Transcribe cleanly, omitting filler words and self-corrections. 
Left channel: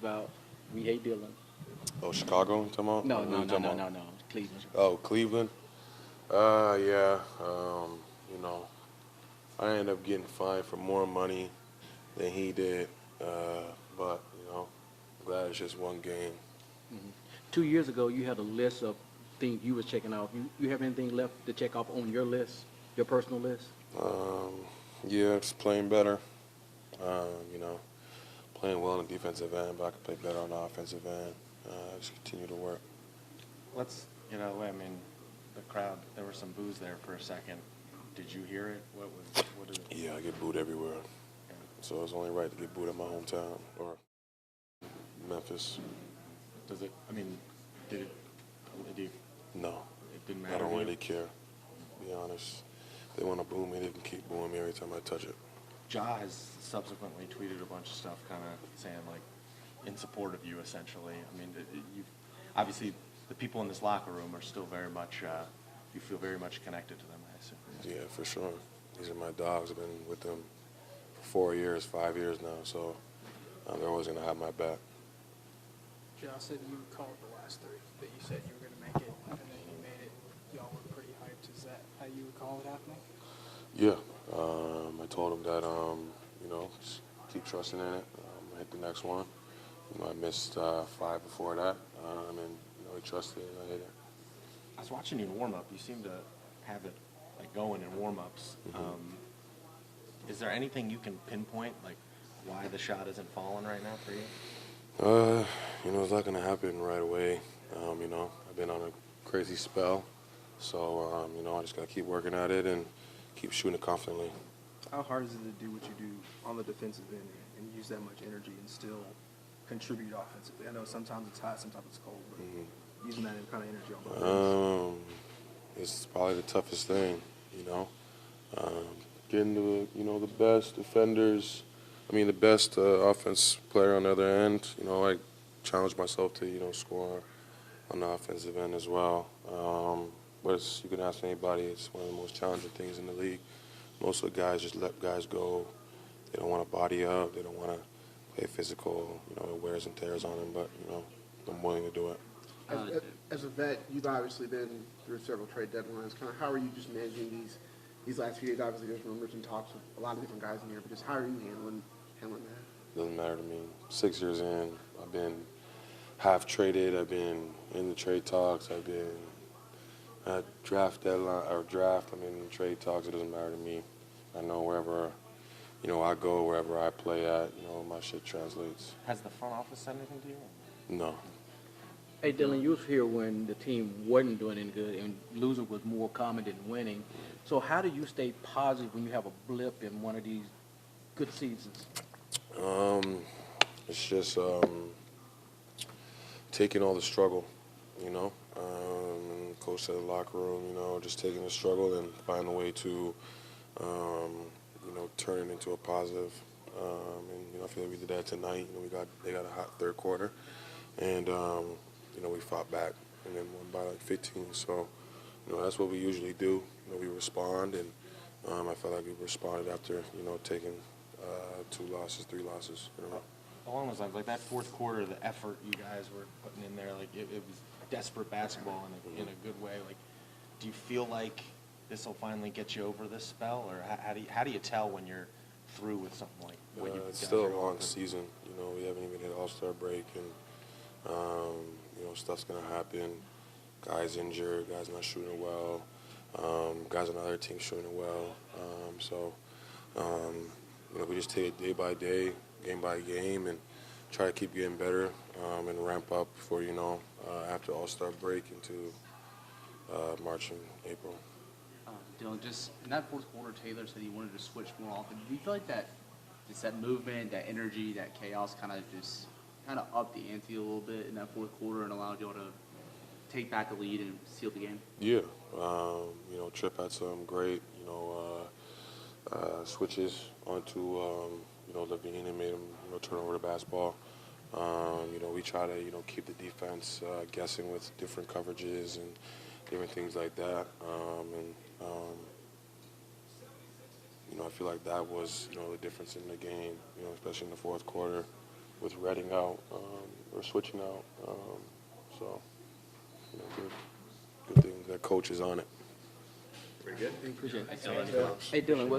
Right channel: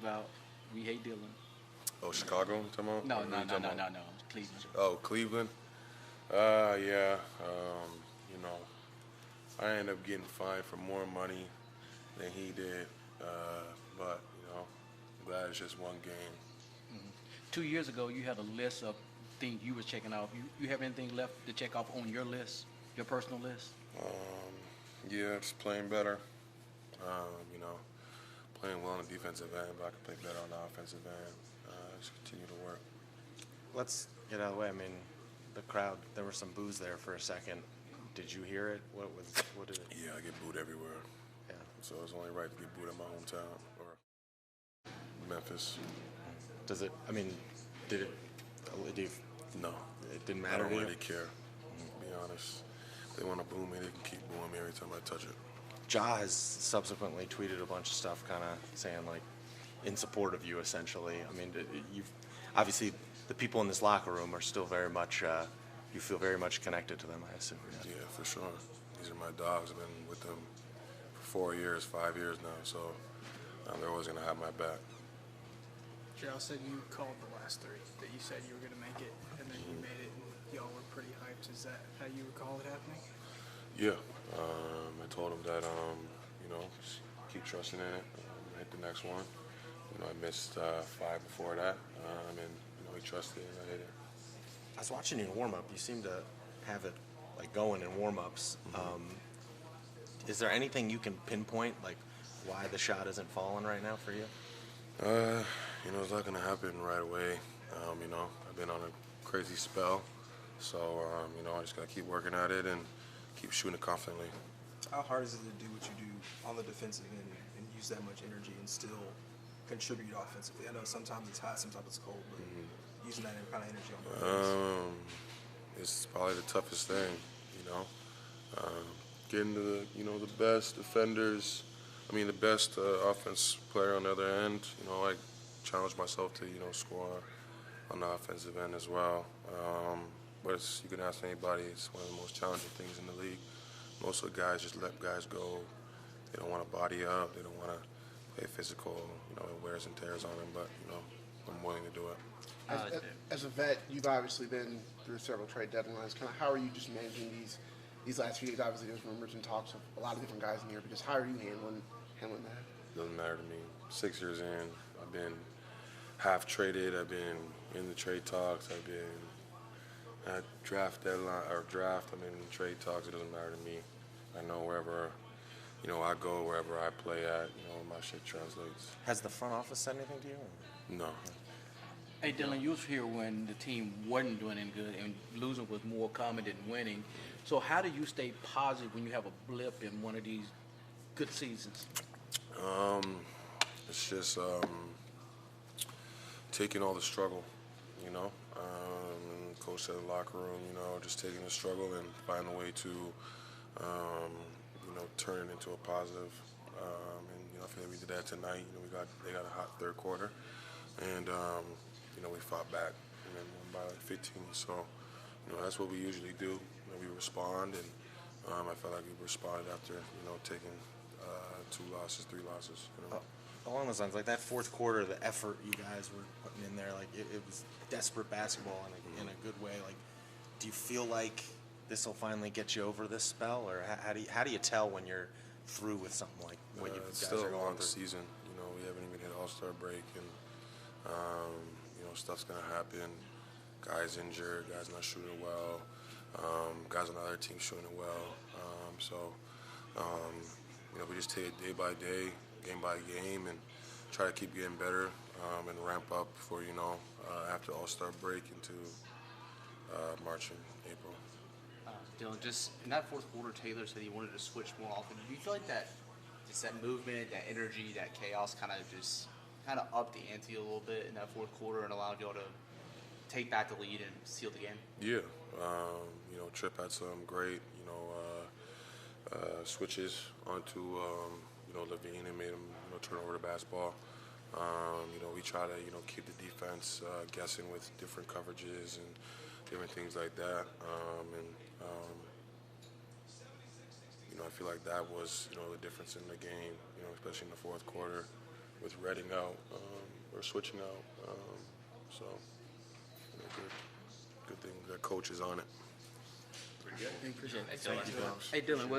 about We Hate Dillon. Oh, Chicago, you talking about? No, Or who no, you no, talking no, about? no, no. Cleveland. Oh, Cleveland. Yeah. You know, I ended up getting fined for more money than he did. But I'm glad it's just one game. 2 years ago, you had a list of things you were checking off. You have anything left to check off on your list, your personal list? Um, yeah, just playing better. You know, playing well on the defensive end, but I can play better on the offensive end. Just continue to work. Let's get out of the way. I mean, the crowd, there was some boos there for a second. Did you hear it? What did it? Yeah, I get booed everywhere. Yeah. So it's only right to get booed in my hometown or Memphis. Does it, I mean, did it, do you, No, it didn't I matter don't to you? really care, to be honest. If they want to boo me, they can keep booing me every time I touch it. Ja has subsequently tweeted a bunch of stuff kind of saying, like, in support of you, essentially. I mean, you've, obviously, the people in this locker room are still very much, you feel very much connected to them, I assume. Yeah, for sure. These are my dogs. I've been with them for 4 years, 5 years now, so they're always going to have my back. Y'all said you called the last three, that you said you were going to make it, and then you made it, and y'all were pretty hyped. Is that how you recall it happening? Yeah, I told him that, just keep trusting in it. Hit the next one. I missed 5 before that, and he trusted and I hit it. I was watching you in warm-up. You seem to have it, like, going in warm-ups. Is there anything you can pinpoint, like, why the shot isn't falling right now for you? It's not going to happen right away. I've been on a crazy spell. So, I just got to keep working at it and keep shooting it confidently. How hard is it to do what you do on the defensive end and use that much energy and still contribute offensively? I know sometimes it's hot, sometimes it's cold. Using that kind of energy on both ends. It's probably the toughest thing, getting to the best defenders. The best offense player on the other end. I challenge myself to, score on the offensive end as well. But you can ask anybody, it's one of the most challenging things in the league. Most of the guys just let guys go. They don't want to body up. They don't want to play physical. It wears and tears on them, but, I'm willing to do it. As a vet, you've obviously been through several trade deadlines. Kind of how are you just managing these last few days? Obviously, there's rumors and talks with a lot of different guys in here, but just how are you handling that? Doesn't matter to me. 6 years in, I've been half traded. I've been in the trade talks. I've been at draft deadline or draft. I'm in the trade talks. It doesn't matter to me. I know wherever I go, wherever I play at, my shit translates. Has the front office said anything to you? No. Hey, Dillon, you was here when the team wasn't doing any good and losing was more common than winning. So how do you stay positive when you have a blip in one of these good seasons? It's just taking all the struggle, coach said in the locker room, just taking the struggle and find a way to, turn it into a positive. I feel like we did that tonight. They got a hot third quarter, and we fought back and then won by like 15. So, that's what we usually do. We respond, and I felt like we responded after taking 2 losses, 3 losses in a row. Along those lines, like that fourth quarter, the effort you guys were putting in there, like it was desperate basketball in a good way. Like, do you feel like this will finally get you over this spell, or how do you tell when you're through with something like when you guys it's still are a long over? season. We haven't even hit All-Star break, and stuff's gonna happen. Guys injured, guys not shooting well, guys on the other team shooting well. We just take it day by day, game by game, and try to keep getting better and ramp up for after All-Star break into March and April. Dillon, just in that fourth quarter, Taylor said he wanted to switch more often. Do you feel like that movement, that energy, that chaos kind of upped the ante a little bit in that fourth quarter and allowed y'all to take back the lead and seal the game? Yeah, Chip had some great, switches onto, Levine and made him, turn over the basketball. We try to, keep the defense guessing with different coverages and different things like that. I feel like that was, the difference in the game, especially in the fourth quarter with Redding out. or switching out. So, you know, good thing that coach is on it. Appreciate it. Hey, Dillon, what's